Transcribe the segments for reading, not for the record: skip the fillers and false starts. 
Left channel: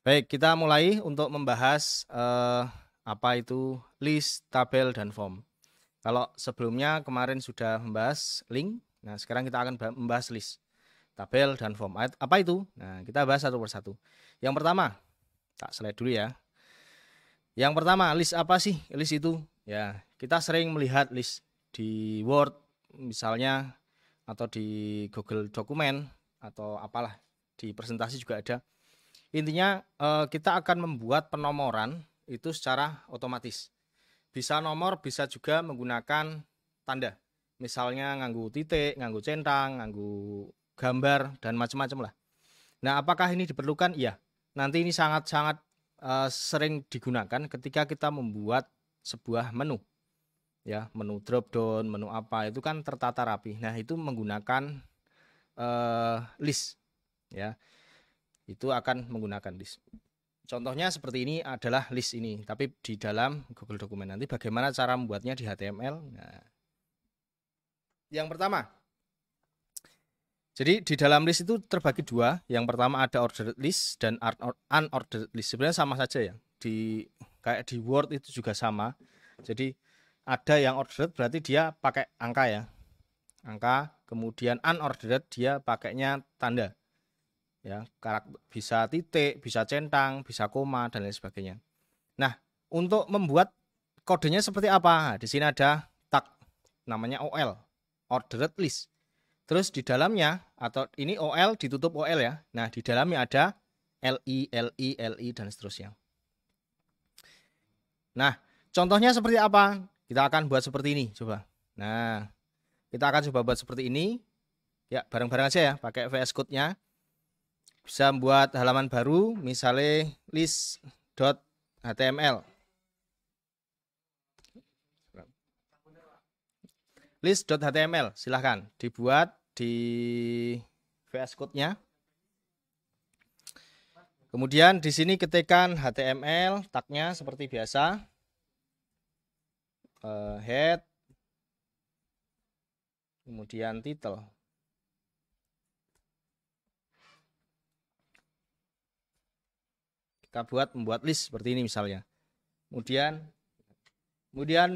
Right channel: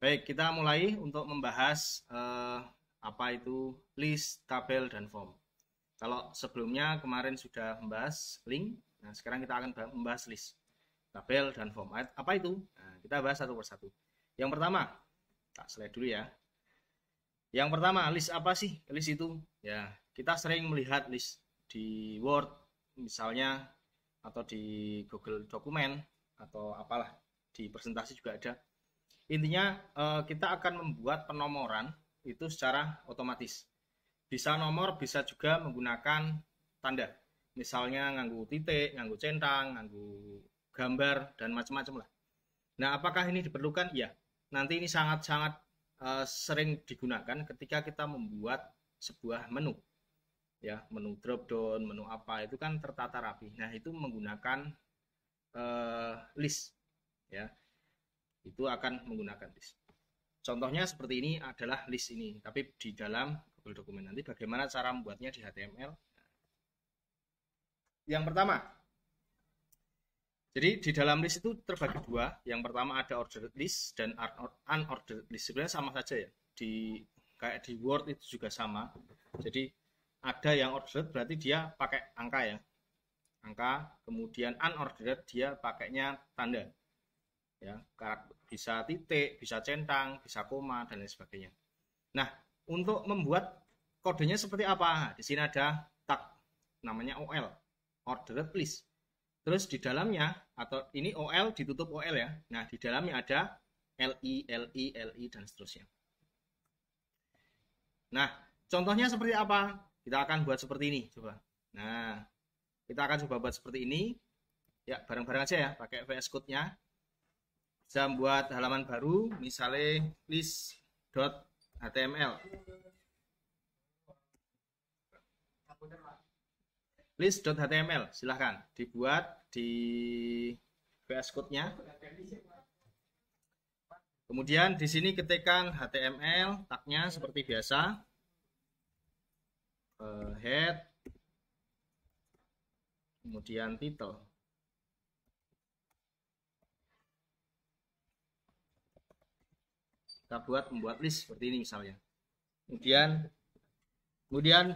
Baik, kita mulai untuk membahas apa itu list, tabel, dan form. Kalau sebelumnya kemarin sudah membahas link, nah sekarang kita akan membahas list, tabel, dan form. Apa itu? Nah, kita bahas satu persatu. Yang pertama, tak slide dulu ya. Yang pertama, list apa sih? List itu, ya kita sering melihat list di Word misalnya, atau di Google Dokumen, atau apalah, di presentasi juga ada. Intinya kita akan membuat penomoran itu secara otomatis. Bisa nomor, bisa juga menggunakan tanda. Misalnya nganggu titik, nganggu centang, nganggu gambar, dan macam-macam lah. Nah, apakah ini diperlukan? Iya. Nanti ini sangat-sangat sering digunakan ketika kita membuat sebuah menu. Ya, menu drop down, menu apa, itu kan tertata rapi. Nah, itu menggunakan list. Ya. Itu akan menggunakan list. Contohnya seperti ini adalah list ini, tapi di dalam Google Dokumen. Nanti bagaimana cara membuatnya di HTML. Nah, yang pertama, jadi di dalam list itu terbagi dua. Yang pertama ada ordered list dan unordered list. Sebenarnya sama saja ya. Kayak di Word itu juga sama. Jadi ada yang ordered berarti dia pakai angka ya, angka. Kemudian unordered dia pakainya tanda. Ya, bisa titik, bisa centang, bisa koma, dan lain sebagainya. Nah, untuk membuat kodenya seperti apa? Di sini ada tag namanya OL, ordered list. Terus di dalamnya, atau ini OL ditutup OL ya. Nah, di dalamnya ada LI, LI, LI, dan seterusnya. Nah, contohnya seperti apa? Kita akan buat seperti ini, coba. Nah, kita akan coba buat seperti ini. Ya, bareng-bareng aja ya, pakai VS Code-nya. Bisa membuat halaman baru, misalnya list.html. List.html, silahkan dibuat di VS Code-nya. Kemudian di sini ketikkan HTML, tagnya seperti biasa, head, kemudian title. Kita membuat list seperti ini misalnya. Kemudian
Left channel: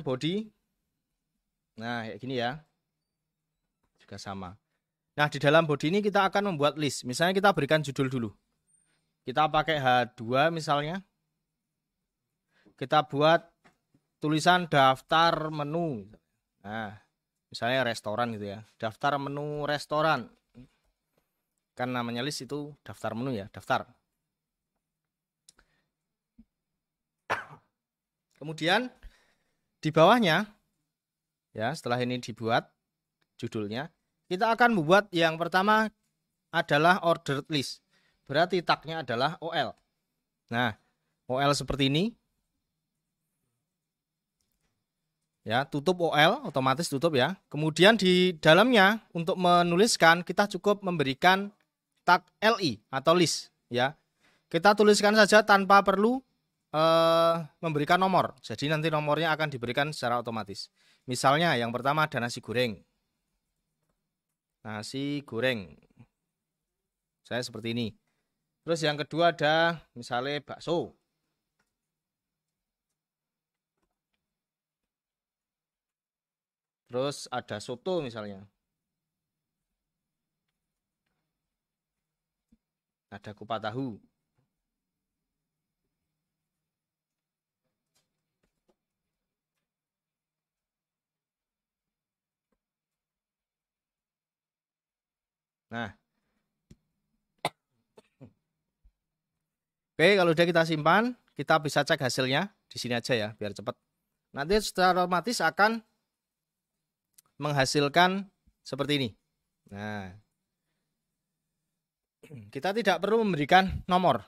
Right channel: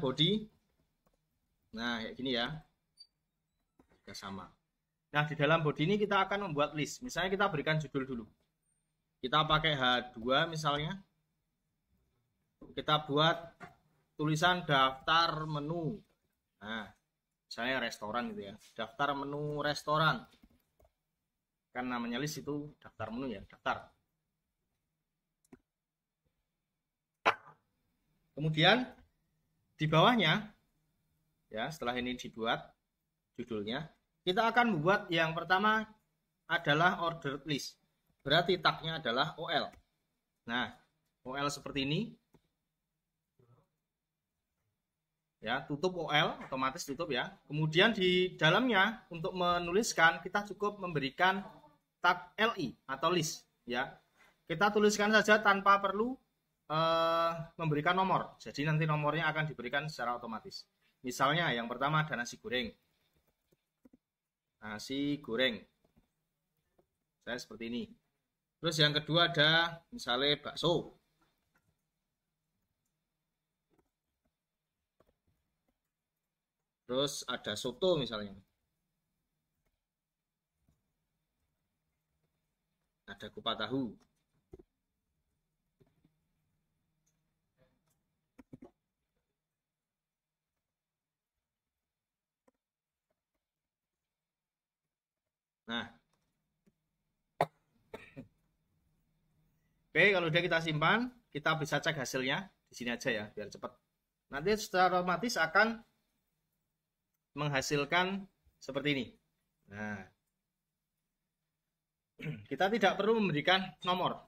body. Nah, ini ya. Juga sama. Nah, di dalam body ini kita akan membuat list. Misalnya kita berikan judul dulu. Kita pakai H2 misalnya. Kita buat tulisan daftar menu. Nah, misalnya restoran gitu ya. Daftar menu restoran. Kan namanya list itu daftar menu ya, daftar. Kemudian di bawahnya, ya setelah ini dibuat judulnya, kita akan membuat yang pertama adalah ordered list. Berarti tagnya adalah OL. Nah, OL seperti ini. Ya, tutup OL, otomatis tutup ya. Kemudian di dalamnya untuk menuliskan kita cukup memberikan tag LI atau list. Ya, kita tuliskan saja tanpa perlu memberikan nomor. Jadi nanti nomornya akan diberikan secara otomatis. Misalnya yang pertama ada nasi goreng. Nasi goreng. Saya seperti ini. Terus yang kedua ada misalnya bakso. Terus ada soto misalnya. Ada kupat tahu. Nah, oke, kalau udah kita simpan, kita bisa cek hasilnya di sini aja ya, biar cepat. Nanti secara otomatis akan menghasilkan seperti ini. Nah, kita tidak perlu memberikan nomor,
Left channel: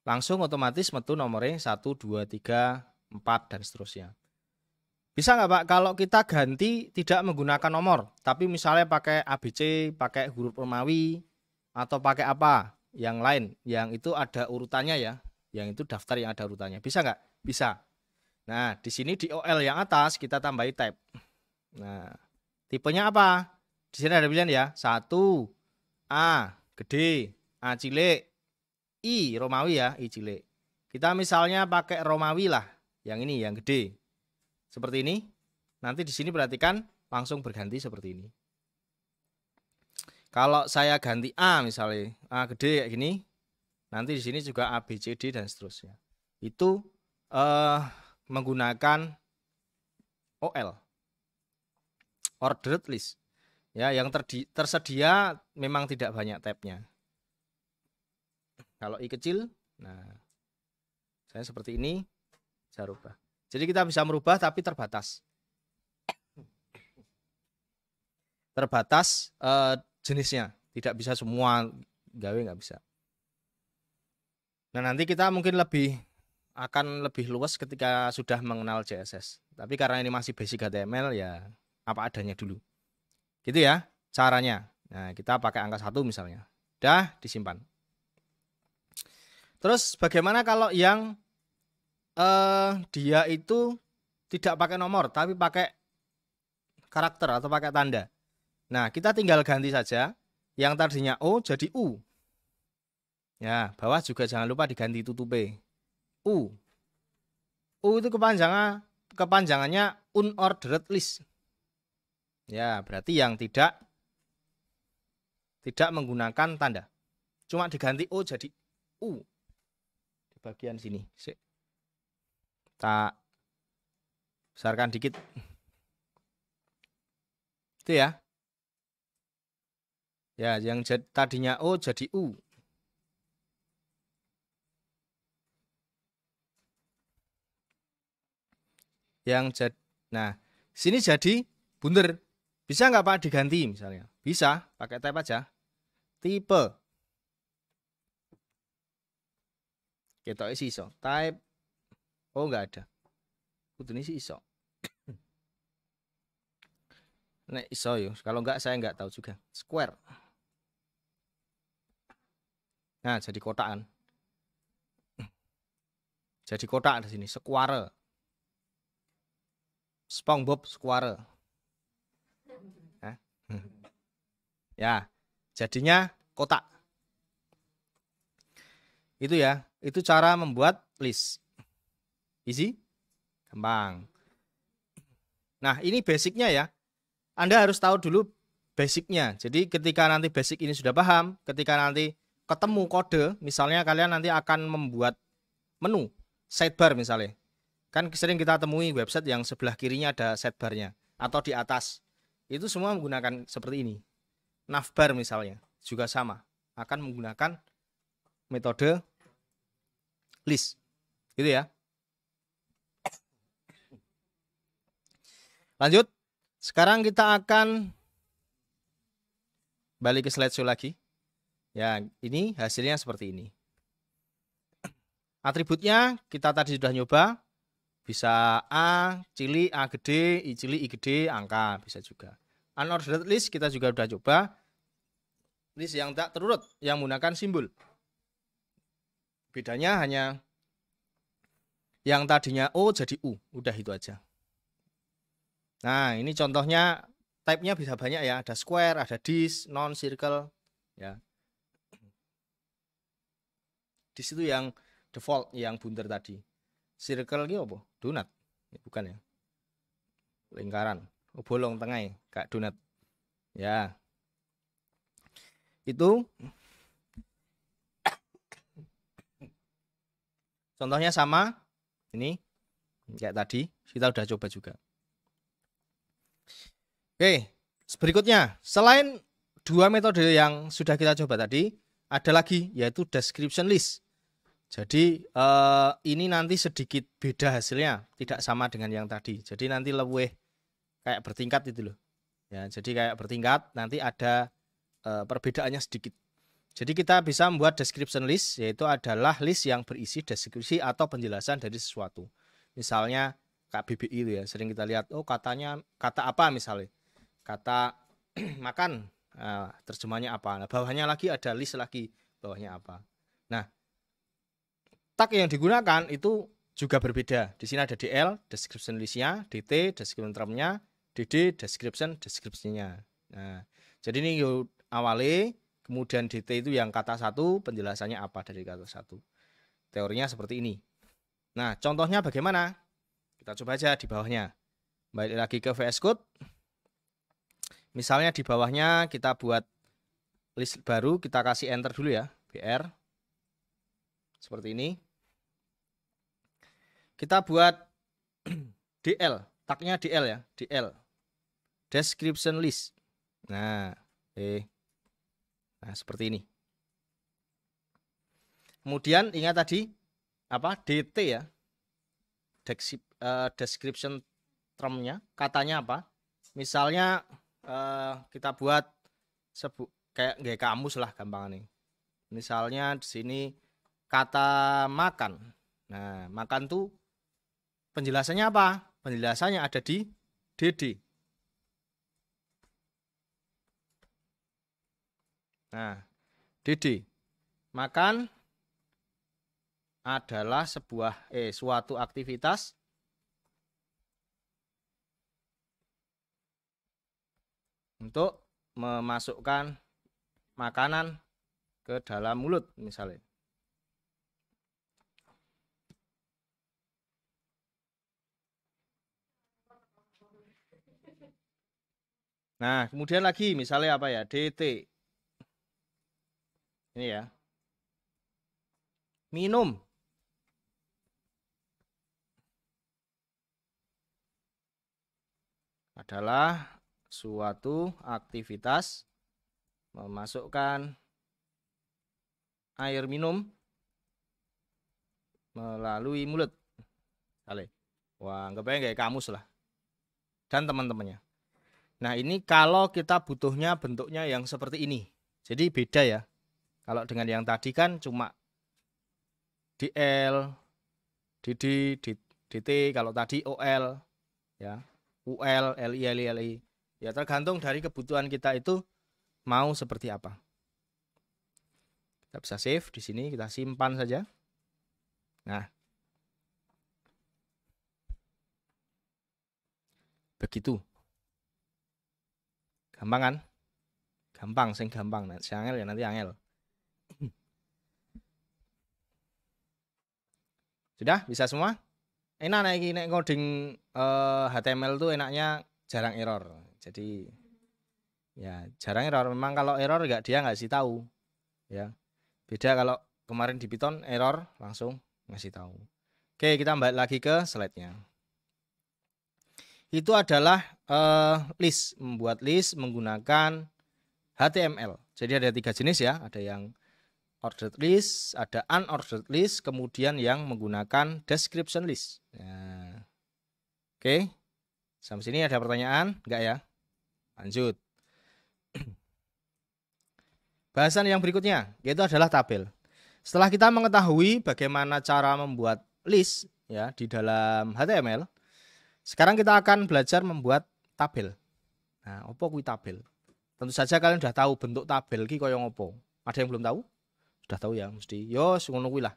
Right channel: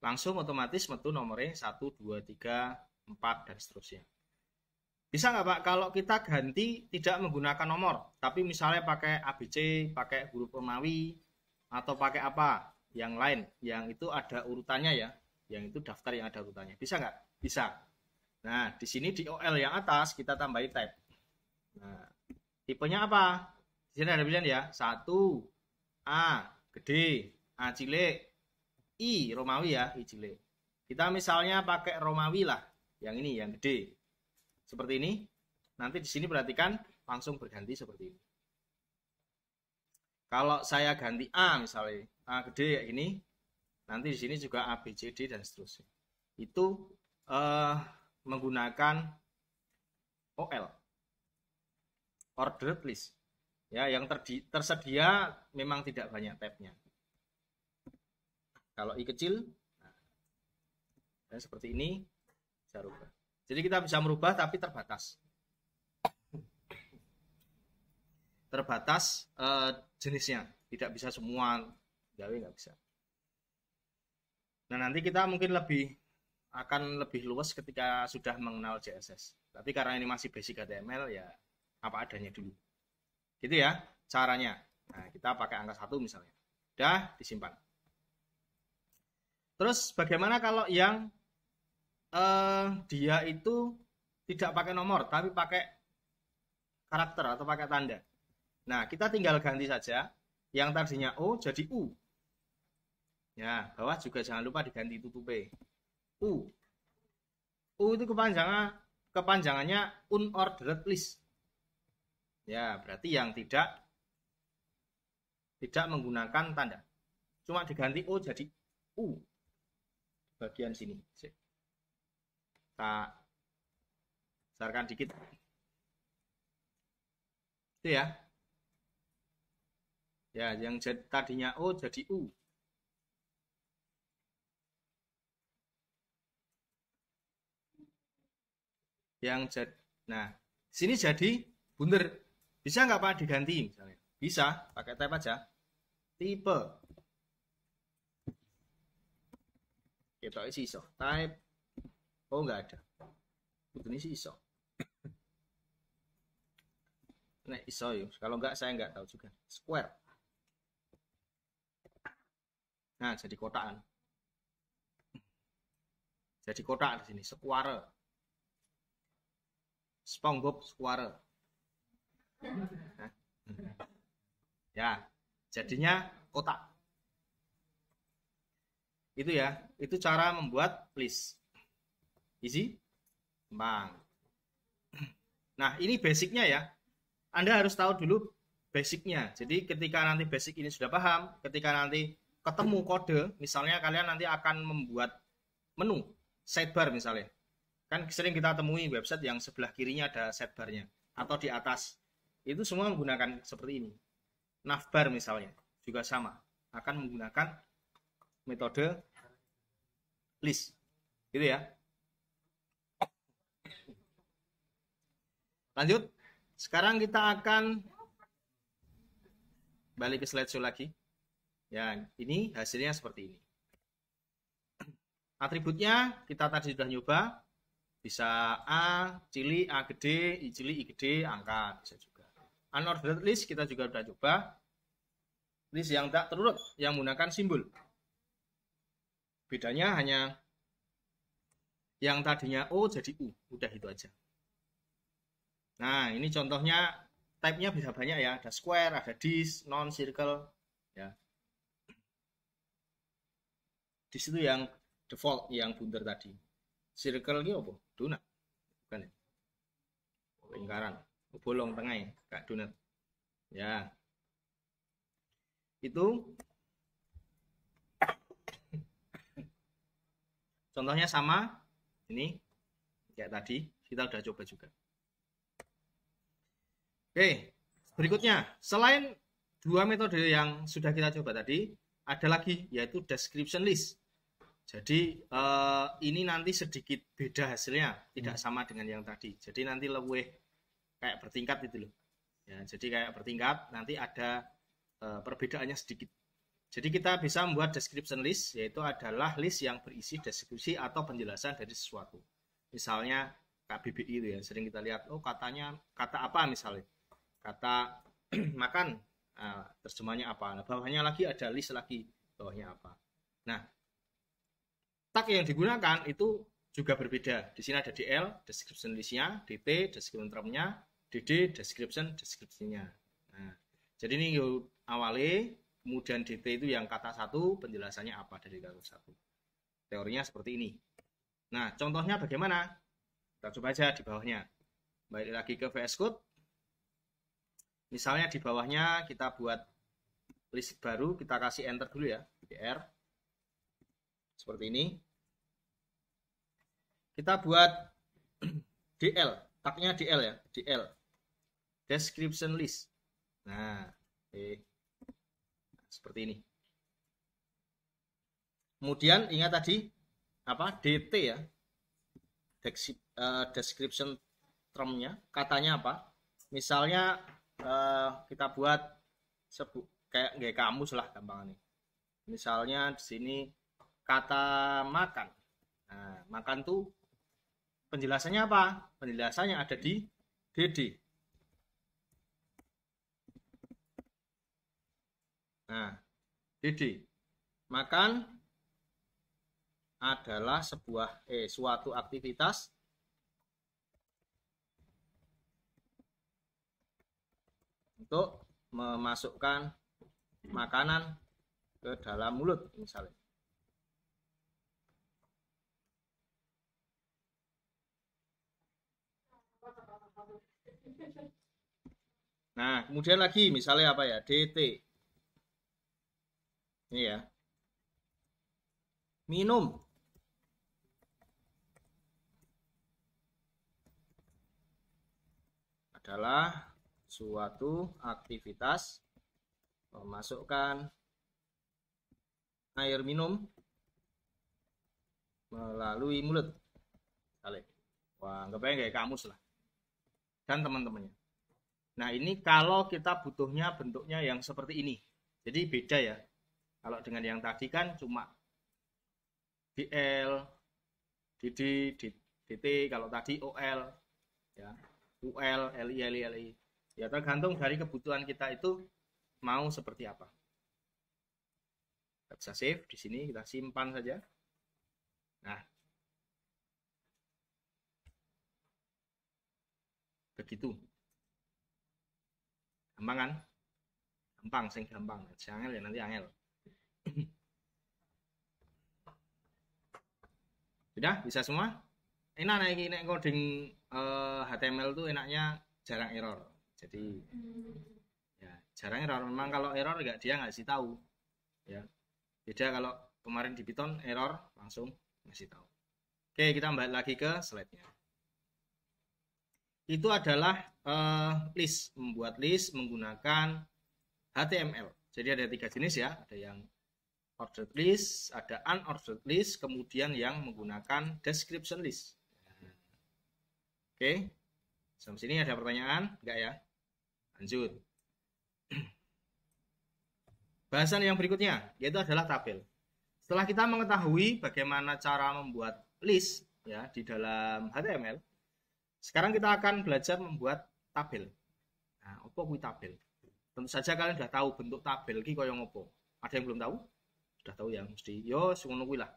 langsung otomatis metu nomornya 1, 2, 3, 4 dan seterusnya. Bisa nggak Pak kalau kita ganti tidak menggunakan nomor, tapi misalnya pakai ABC, pakai huruf Romawi, atau pakai apa yang lain, yang itu ada urutannya ya, yang itu daftar yang ada urutannya. Bisa nggak? Bisa. Nah, di sini di OL yang atas kita tambahi tab. Nah, tipenya apa? Di sini ada pilihan ya, 1 A gede, A cilik, I Romawi ya, I cilik. Kita misalnya pakai Romawi lah, yang ini yang gede. Seperti ini. Nanti di sini perhatikan langsung berganti seperti ini. Kalau saya ganti A misalnya, A gede kayak gini, nanti di sini juga A, B, C, D dan seterusnya. Itu menggunakan OL, ordered list. Ya, yang tersedia memang tidak banyak tabnya. Kalau I kecil, nah saya seperti ini, saya rubah. Jadi kita bisa merubah tapi terbatas. Terbatas jenisnya, tidak bisa semua gawe, nggak bisa. Nah nanti kita mungkin akan lebih luas ketika sudah mengenal CSS. Tapi karena ini masih basic HTML ya apa adanya dulu. Gitu ya caranya. Nah kita pakai angka 1 misalnya. Udah disimpan. Terus bagaimana kalau yang dia itu tidak pakai nomor tapi pakai karakter atau pakai tanda? Nah, kita tinggal ganti saja yang tadinya O jadi U. Ya, bawah juga jangan lupa diganti tutupe. U. U itu kepanjangannya unordered list. Ya, berarti yang tidak menggunakan tanda. Cuma diganti O jadi U. Di bagian sini. Kita besarkan dikit. Itu ya. Ya, yang tadinya O jadi U. Nah, sini jadi bundar. Bisa nggak Pak diganti misalnya? Bisa, pakai tab aja. Tipe. Kita isi iso. Type. Oh, nggak ada. Ini sih iso. Nek iso yo. Kalau nggak saya nggak tahu juga. Square. Nah, jadi kotakan. Jadi kotak di sini, square. SpongeBob square. Nah. Ya, jadinya kotak. Itu ya, itu cara membuat list. Easy? Gampang. Nah, ini basicnya ya. Anda harus tahu dulu basicnya. Jadi ketika nanti basic ini sudah paham, ketika nanti ketemu kode, misalnya kalian nanti akan membuat menu sidebar misalnya. Kan sering kita temui website yang sebelah kirinya ada sidebarnya atau di atas. Itu semua menggunakan seperti ini. Navbar misalnya juga sama, akan menggunakan metode list. Gitu ya. Lanjut. Sekarang kita akan balik ke slideshow lagi. Ya, ini hasilnya seperti ini. Atributnya kita tadi sudah nyoba. Bisa A, cilik, A gede, I cilik, I gede, angka. Bisa juga. Unordered list kita juga sudah coba. List yang tak terurut, yang menggunakan simbol. Bedanya hanya yang tadinya O jadi U. Udah itu aja. Nah, ini contohnya type-nya bisa banyak ya. Ada square, ada disk, non, circle. Ya. Di situ yang default, yang bundar tadi. Circle itu apa? Donat. Bukan ya. Lingkaran. Bolong tengah, kayak donat. Ya. Itu contohnya sama. Ini kayak tadi. Kita udah coba juga. Oke. Berikutnya. Selain dua metode yang sudah kita coba tadi, ada lagi yaitu description list. Jadi ini nanti sedikit beda hasilnya, tidak sama dengan yang tadi. Jadi nanti lebih kayak bertingkat itu loh. Ya, jadi kayak bertingkat, nanti ada perbedaannya sedikit. Jadi kita bisa membuat description list, yaitu adalah list yang berisi deskripsi atau penjelasan dari sesuatu. Misalnya KBBI ya, sering kita lihat, oh katanya kata apa misalnya, kata makan. Nah, terjemahnya apa? Nah, bawahnya lagi ada list lagi, bawahnya apa. Nah, tag yang digunakan itu juga berbeda. Di sini ada DL, description listnya, DT, description termnya, DD, description, deskripsinya. Nah, jadi ini yuk awali, kemudian DT itu yang kata satu, penjelasannya apa dari kata satu. Teorinya seperti ini. Nah, contohnya bagaimana? Kita coba aja di bawahnya. Balik lagi ke VS Code. Misalnya di bawahnya kita buat list baru, kita kasih enter dulu ya, BR. Seperti ini. Kita buat DL, tagnya DL ya, DL. Description list. Nah, nah seperti ini. Kemudian ingat tadi apa? DT ya. Description termnya, katanya apa? Misalnya kita buat kayak kamus lah gampang nih. Misalnya di sini kata makan. Nah, makan tuh penjelasannya apa? Penjelasannya ada di DD. Nah, DD. Makan adalah suatu aktivitas untuk memasukkan makanan ke dalam mulut misalnya. Nah, kemudian lagi misalnya apa ya? DT. Ini ya. Minum. Adalah suatu aktivitas memasukkan air minum melalui mulut. Wah, anggapnya kayak kamus lah. Dan teman-temannya. Nah, ini kalau kita butuhnya bentuknya yang seperti ini. Jadi beda ya. Kalau dengan yang tadi kan cuma DL, DD, DT, kalau tadi OL, ya, UL, LI, LI. Ya tergantung dari kebutuhan kita itu mau seperti apa. Kita bisa save di sini, kita simpan saja. Nah, begitu. Gampang kan? Gampang, sing gampang. Nah, si angel ya nanti angel. Sudah bisa semua? Enak nih ini ngoding HTML tuh enaknya jarang error. Jadi ya jarang error. Memang kalau error dia nggak sih tahu. Ya. Beda kalau kemarin di Python error langsung ngasih tahu. Oke, kita balik lagi ke slide-nya. Itu adalah list, membuat list menggunakan HTML. Jadi ada 3 jenis ya, ada yang ordered list, ada unordered list, kemudian yang menggunakan description list. Nah, oke, sampai sini ada pertanyaan? Enggak ya? Lanjut. Bahasan yang berikutnya yaitu adalah tabel. Setelah kita mengetahui bagaimana cara membuat list ya di dalam HTML, sekarang kita akan belajar membuat tabel. Nah, apa kuwi tabel? Tentu saja kalian sudah tahu bentuk tabel ki koyo ngopo. Ada yang belum tahu? Sudah tahu ya, mesti. Yo, ngono kuwi lah.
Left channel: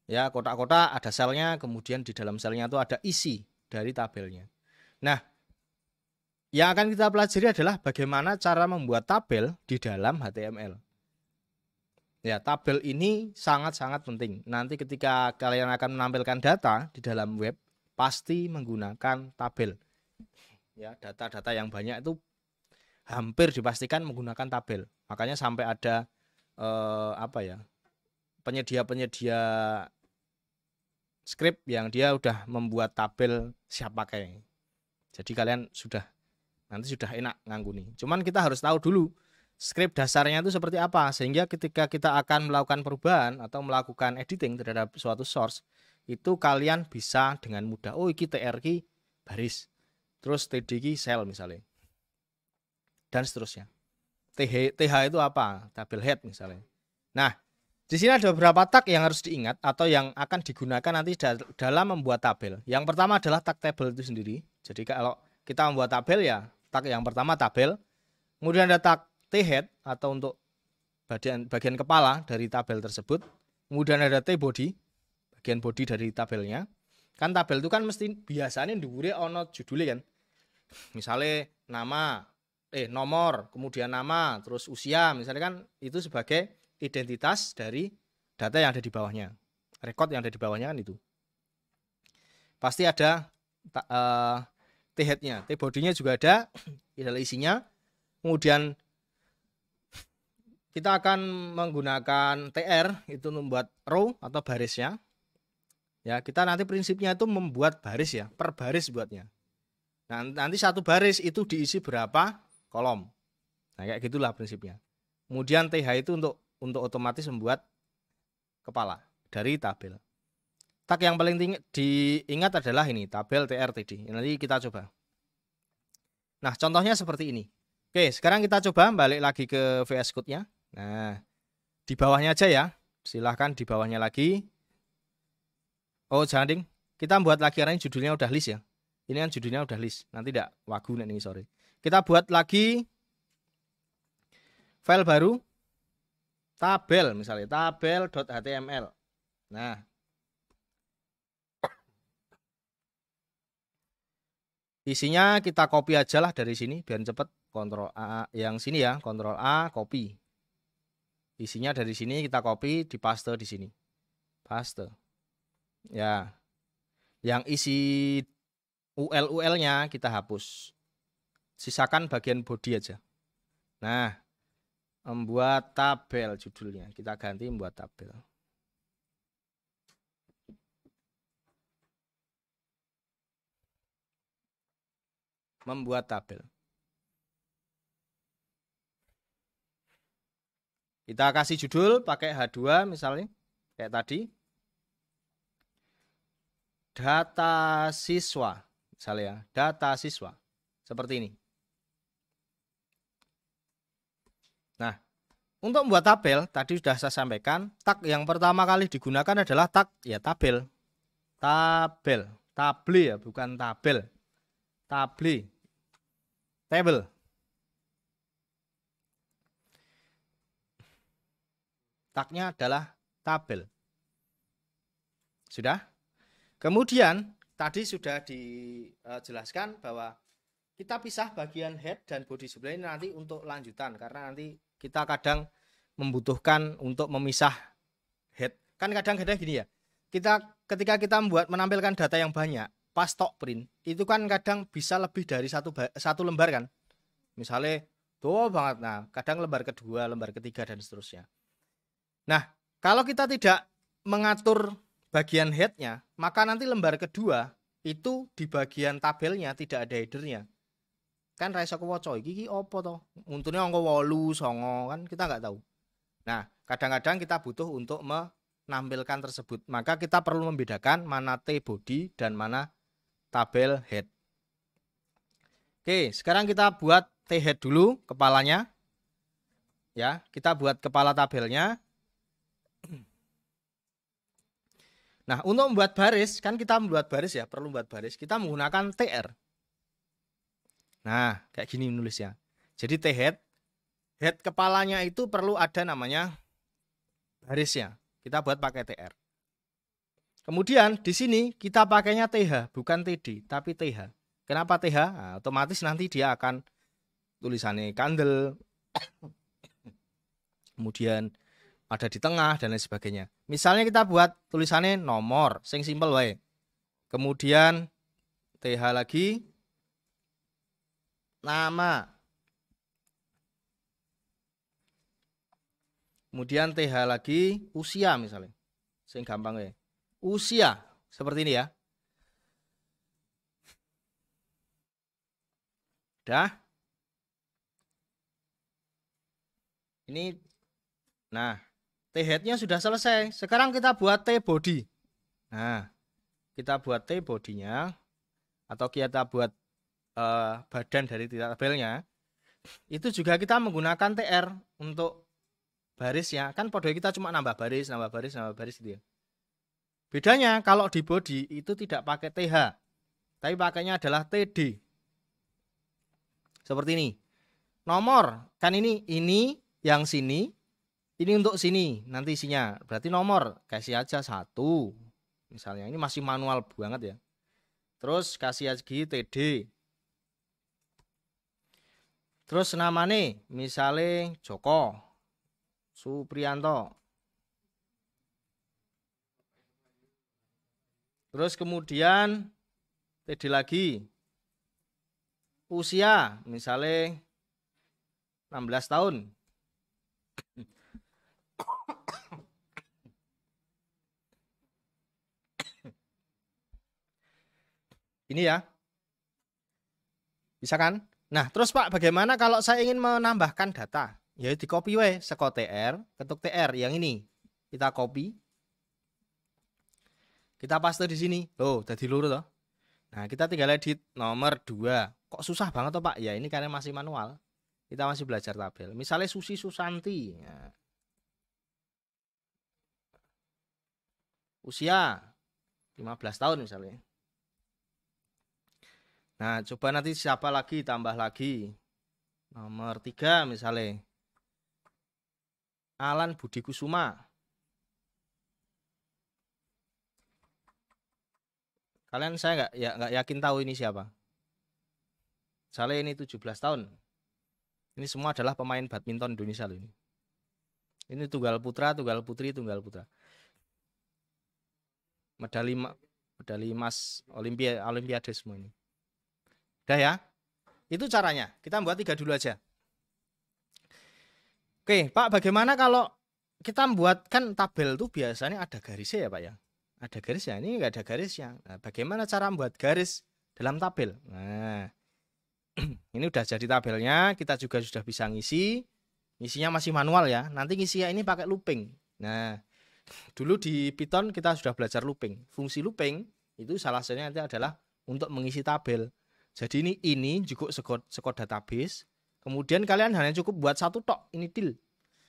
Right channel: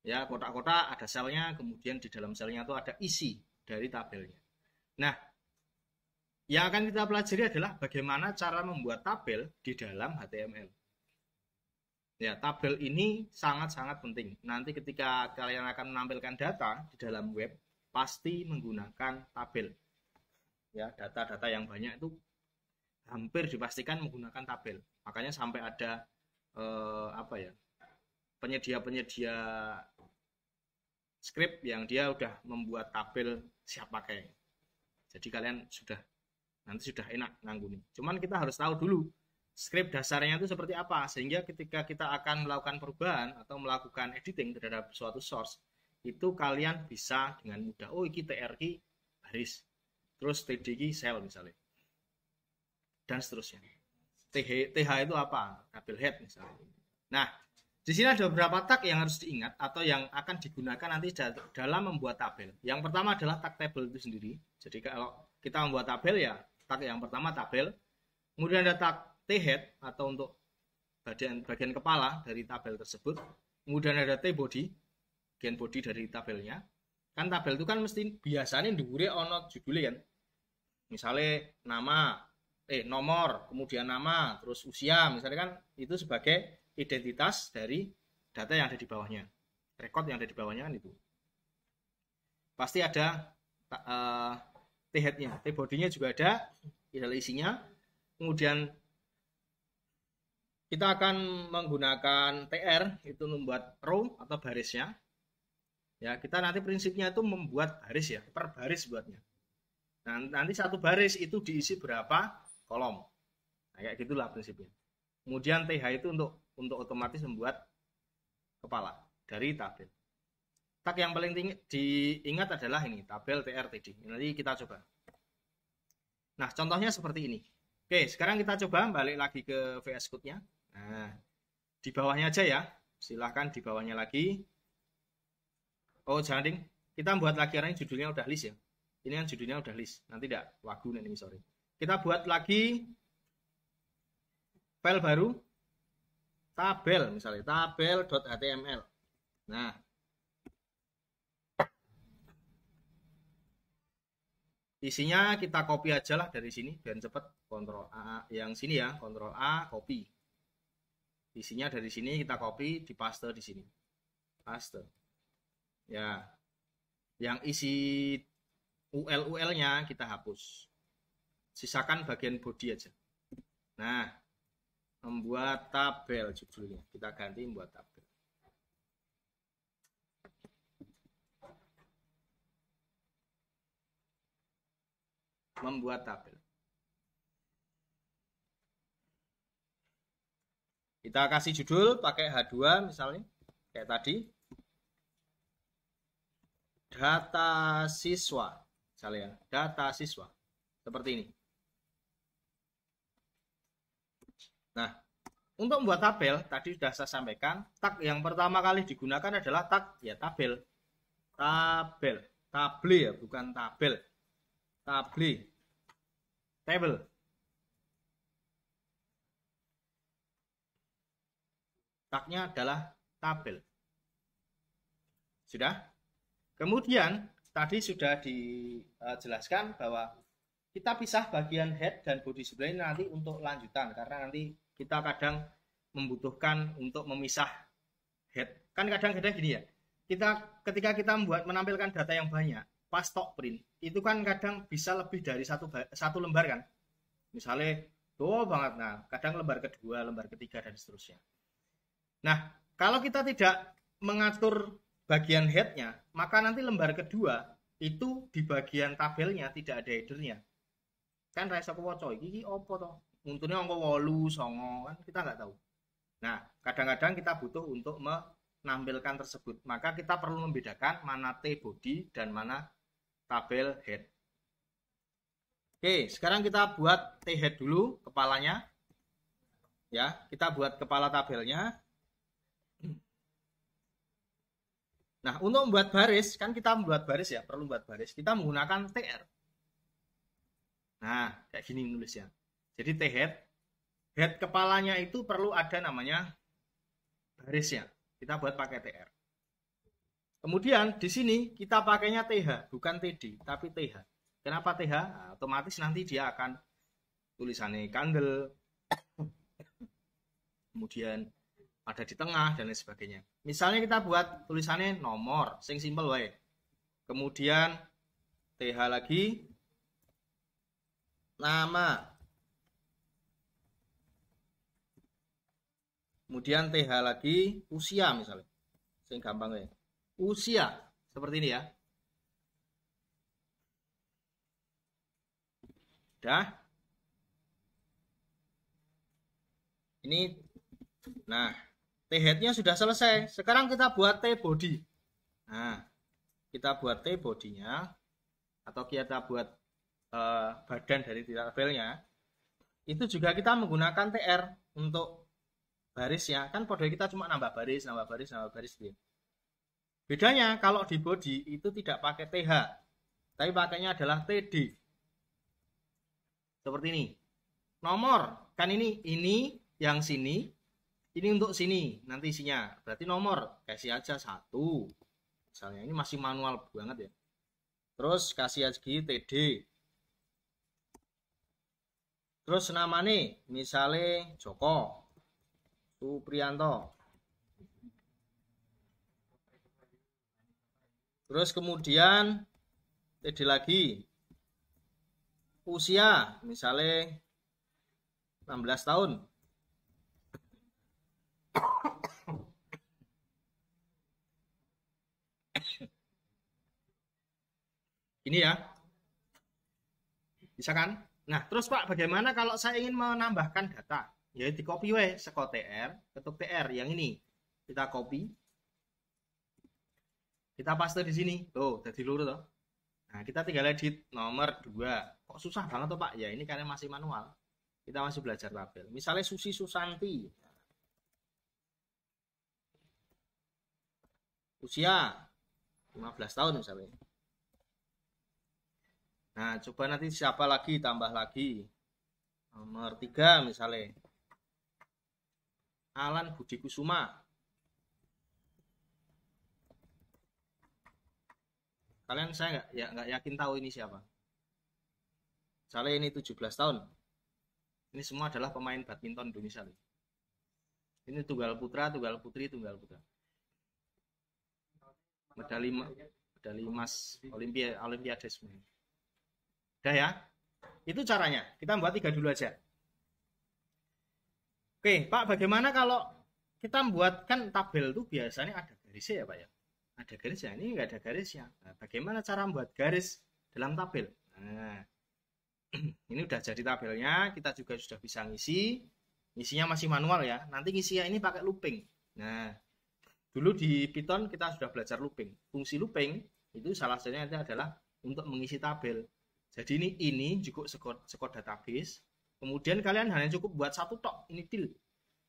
Ya, kotak-kotak ada selnya, kemudian di dalam selnya itu ada isi dari tabelnya. Nah, yang akan kita pelajari adalah bagaimana cara membuat tabel di dalam HTML. Ya, tabel ini sangat-sangat penting. Nanti ketika kalian akan menampilkan data di dalam web, pasti menggunakan tabel. Ya, data-data yang banyak itu hampir dipastikan menggunakan tabel. Makanya sampai ada penyedia-penyedia script yang dia udah membuat tabel siap pakai. Jadi kalian nanti sudah enak nganggu nih. Cuman kita harus tahu dulu script dasarnya itu seperti apa, sehingga ketika kita akan melakukan perubahan atau melakukan editing terhadap suatu source, itu kalian bisa dengan mudah. Oh, ini TR baris, terus TD cell misalnya, dan seterusnya. TH itu apa? Tabel head misalnya. Nah, di sini ada beberapa tag yang harus diingat atau yang akan digunakan nanti dalam membuat tabel. Yang pertama adalah tag table itu sendiri. Jadi kalau kita membuat tabel ya, tag yang pertama tabel. Kemudian ada tag T-head atau untuk bagian kepala dari tabel tersebut. Kemudian ada T-body, bagian body dari tabelnya. Kan tabel itu kan mesti biasanya diuri ono judulnya kan. Misalnya nama, nomor, kemudian nama, terus usia, misalkan itu sebagai identitas dari data yang ada di bawahnya, rekod yang ada di bawahnya kan itu. Pasti ada t-headnya, t-body-nya juga ada isinya. Kemudian kita akan menggunakan tr itu membuat row atau barisnya. Ya, kita nanti prinsipnya itu membuat baris ya, per baris buatnya. Nah, nanti satu baris itu diisi berapa kolom. Nah, kayak gitulah prinsipnya. Kemudian th itu untuk otomatis membuat kepala dari tabel. Tag yang paling diingat adalah ini, tabel TRTD. Nanti kita coba. Nah, contohnya seperti ini. Oke, sekarang kita coba balik lagi ke VS Code-nya. Nah, di bawahnya aja ya. Silahkan di bawahnya lagi. Oh, jangan ding. Kita buat lagi karena judulnya udah list ya. Ini kan judulnya udah list. Nanti tidak wagu nih, sorry. Kita buat lagi file baru. Tabel misalnya, tabel.html. Nah, isinya kita copy aja lah dari sini biar cepet. Ctrl A yang sini ya, Ctrl A copy. Isinya dari sini kita copy, dipaste di sini. Paste. Ya. Yang isi UL-nya kita hapus. Sisakan bagian body aja. Nah, membuat tabel judulnya. Kita ganti membuat tabel. Membuat tabel. Kita kasih judul pakai H2 misalnya, kayak tadi. Data siswa, misalnya, data siswa. Seperti ini. Nah, untuk membuat tabel, tadi sudah saya sampaikan, tag yang pertama kali digunakan adalah tag, ya tabel. Tabel, table ya, bukan tabel. Table. Table. Tagnya adalah tabel. Sudah? Kemudian tadi sudah dijelaskan bahwa kita pisah bagian head dan body sebenarnya nanti untuk lanjutan karena nanti kita kadang membutuhkan untuk memisah head. Kan kadang head gini ya. Ketika kita menampilkan data yang banyak, pas tok print itu kan kadang bisa lebih dari satu lembar kan. Misalnya banget, nah kadang lembar kedua, lembar ketiga dan seterusnya. Nah, kalau kita tidak mengatur bagian headnya, maka nanti lembar kedua itu di bagian tabelnya tidak ada headernya. Kan rasa kuwoco iki opo toh? Untune angka 8, 9 kan kita nggak tahu. Nah, kadang-kadang kita butuh untuk menampilkan tersebut. Maka kita perlu membedakan mana T-body dan mana tabel head. Oke, sekarang kita buat T-head dulu, kepalanya. Ya, kita buat kepala tabelnya. Nah, untuk membuat baris, kan kita membuat baris ya, perlu membuat baris. Kita menggunakan TR. Nah, kayak gini nulisnya. Jadi T-head, head kepalanya itu perlu ada namanya barisnya. Kita buat pakai TR. Kemudian di sini kita pakainya TH, bukan TD, tapi TH. Kenapa TH? Nah, otomatis nanti dia akan tulisannya kandel. Kemudian ada di tengah dan lain sebagainya. Misalnya kita buat tulisannya nomor, sing simple wae. Kemudian TH lagi, nama. Kemudian TH lagi, usia misalnya. Sing gampang wae. Usia seperti ini ya. Dah. Ini, nah. T-headnya sudah selesai. Sekarang kita buat T-body. Nah, kita buat T-body-nya atau kita buat badan dari tabelnya. Itu juga kita menggunakan TR untuk barisnya. Kan kode kita cuma nambah baris gitu ya. Bedanya kalau di body itu tidak pakai TH, tapi pakainya adalah TD. Seperti ini. Nomor, kan ini yang sini. Ini untuk sini, nanti isinya. Berarti nomor, kasih aja 1. Misalnya, ini masih manual banget ya. Terus kasih lagi TD. Terus namanya misalnya Joko, Supriyanto. Terus kemudian TD lagi. Usia misalnya 16 tahun. Ini ya. Bisa kan? Nah, terus Pak, bagaimana kalau saya ingin menambahkan data? Ya di copy we seko TR, ketuk TR yang ini. Kita copy. Kita paste di sini. Oh, jadi lurus toh. Nah, kita tinggal edit nomor 2. Kok susah banget toh, Pak? Ya, ini kalian masih manual. Kita masih belajar tabel. Misalnya Susi Susanti. Nah. Usia 15 tahun misalnya. Nah, coba nanti siapa lagi, tambah lagi. Nomor 3 misalnya. Alan Budi Kusuma. Kalian saya nggak yakin tahu ini siapa. Misalnya ini 17 tahun. Ini semua adalah pemain badminton Indonesia loh ini. Ini tunggal putra, tunggal putri, tunggal putra. Medali emas Olimpiade semua ini. Udah ya? Itu caranya. Kita buat 3 dulu aja. Oke, Pak, bagaimana kalau kita membuatkan tabel itu biasanya ada garisnya ya, Pak ya? Ada garisnya, ini nggak ada garisnya. Nah, bagaimana cara membuat garis dalam tabel? Nah, ini udah jadi tabelnya, kita juga sudah bisa ngisi. Ngisinya masih manual ya. Nanti ngisinya ini pakai looping. Nah, dulu di Python kita sudah belajar looping. Fungsi looping itu salah satunya adalah untuk mengisi tabel. Jadi ini juga sekod database. Kemudian kalian hanya cukup buat satu tok, ini till.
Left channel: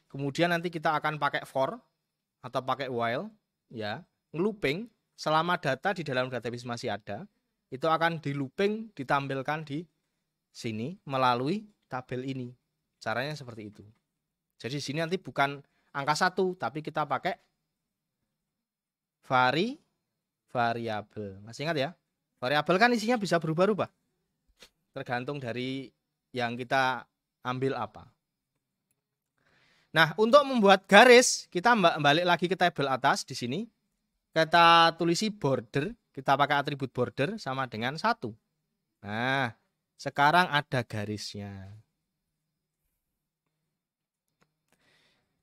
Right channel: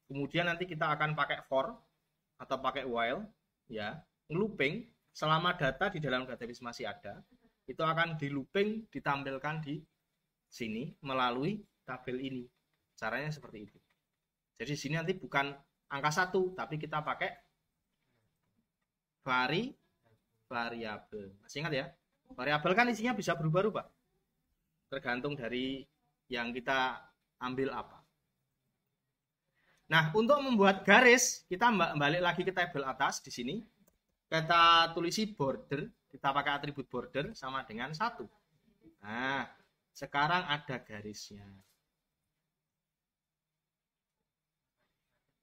Kemudian nanti kita akan pakai for atau pakai while, ya, looping selama data di dalam database masih ada, itu akan di looping ditampilkan di sini melalui tabel ini. Caranya seperti itu. Jadi sini nanti bukan angka 1, tapi kita pakai variabel. Masih ingat ya? Variabel kan isinya bisa berubah-ubah. Tergantung dari yang kita ambil apa. Nah, untuk membuat garis, kita balik lagi ke tabel atas di sini. Kita tulisi border, kita pakai atribut border sama dengan 1. Nah, sekarang ada garisnya.